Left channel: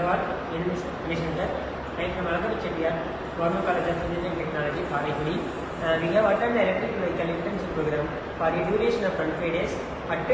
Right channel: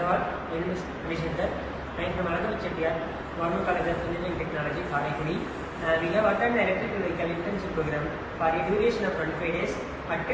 Hello all, my name is Anish Shankar. I am from Alagappa Chettiar, Government College of Engineering Technology, Karaikudi. We have attended the electrical vehicle internship program for a duration of 25 days at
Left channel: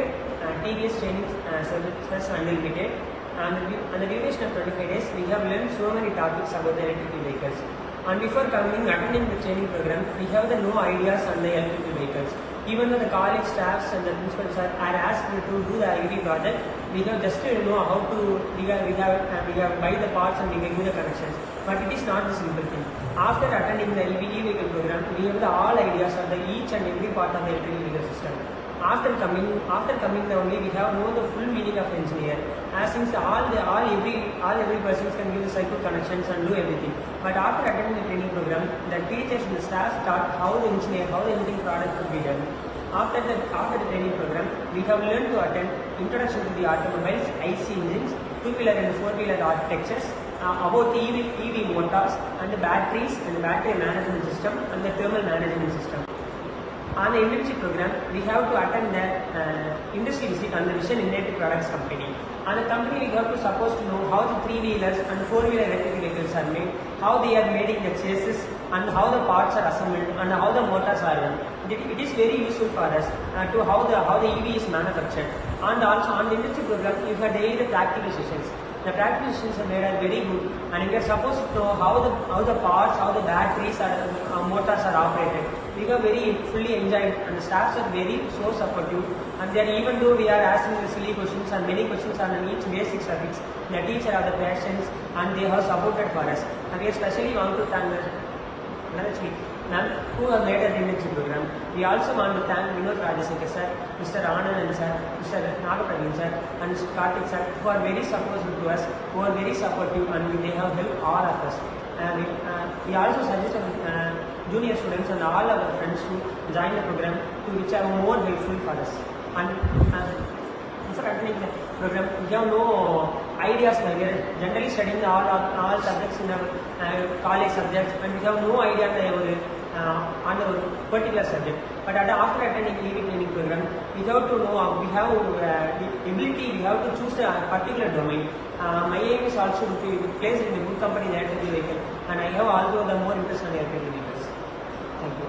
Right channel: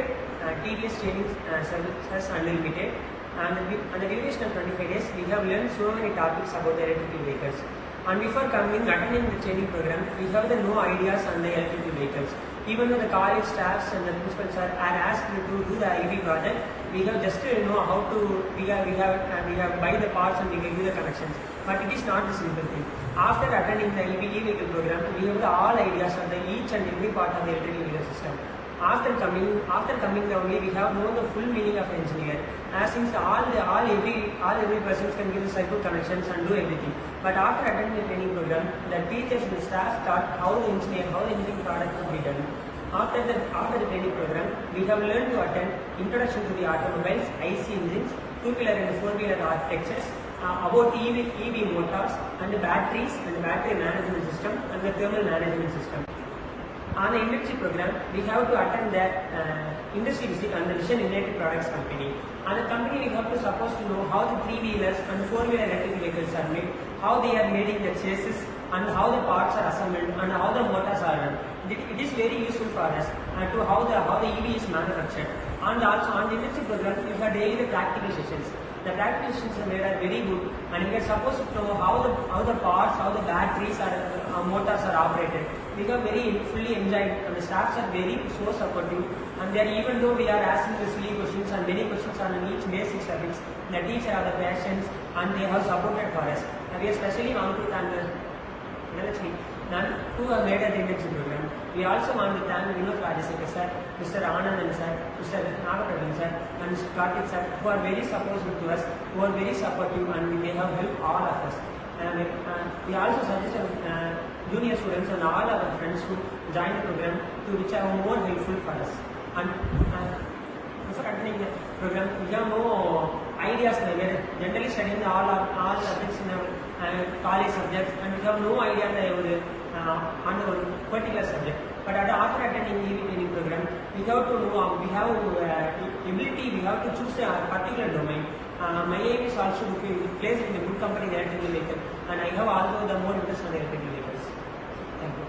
TVS Training Services Unlimited. And the duration of 25 days, we have learned so many topics about the electrical vehicles. And before attending the training program, we have the no ideas on the electrical vehicles. Even though the college staffs and the principals are asked to do the EV project, we have just to know how to we have buy the parts and we can do the connections. But it is not the simple thing. After attending the EV vehicle program, we have the all ideas on the each and every part of the electrical vehicle system. After coming down, we have know the full meaning of engineer. As since every person can give the cycle connections and do everything. But after attending the training program, the teachers and the staff taught how the engineering product could be done. After the training program, we have learned to attend introduction to the automobiles, IC engines, two-wheeler and four-wheeler architectures, about EV motors and the batteries and the battery management system and the thermal management system. On the internship program, we have to attend the industry visit on the Vision United Products company. On the company, we have to supposed to know how the three-wheelers and four-wheeler electric vehicles are made, how they are made in the chassis, and how the parts are assembled, and how the motors are run. It is very useful for us to how the EV is manufactured. And also on the internship program, you have daily the practical sessions. The practical sessions are made are very good, and we are supposed to know how the parts, how the batteries are motors are operated. We have very fully enjoyed, and the staffs are very so supportive. And they are, even though we are asking the silly questions and many questions on each basic subjects, the teacher have the patience and they have supported for us. And we especially want to thank who have made the internship program. We also want to thank Vinod Rajasekhar sir, Mr. Anand sir, Mr. Nagapraveen sir, and Mr. Karthik sir, who are very supportive to us, who are very supportive, and they have helped all of us. We also suggest junior students and all our friends to join the program, which are more helpful for us. And before attending the program, we have no ideas. We are generally studying all subjects in our college subjects, and we have no idea on the particular subject. But after attending EV training program, we have to know, we have ability, we have to choose a particular domain. My aim is also to be placed in a good company in the electrical vehicle, and I have also the more interest on the electrical vehicles. Thank you.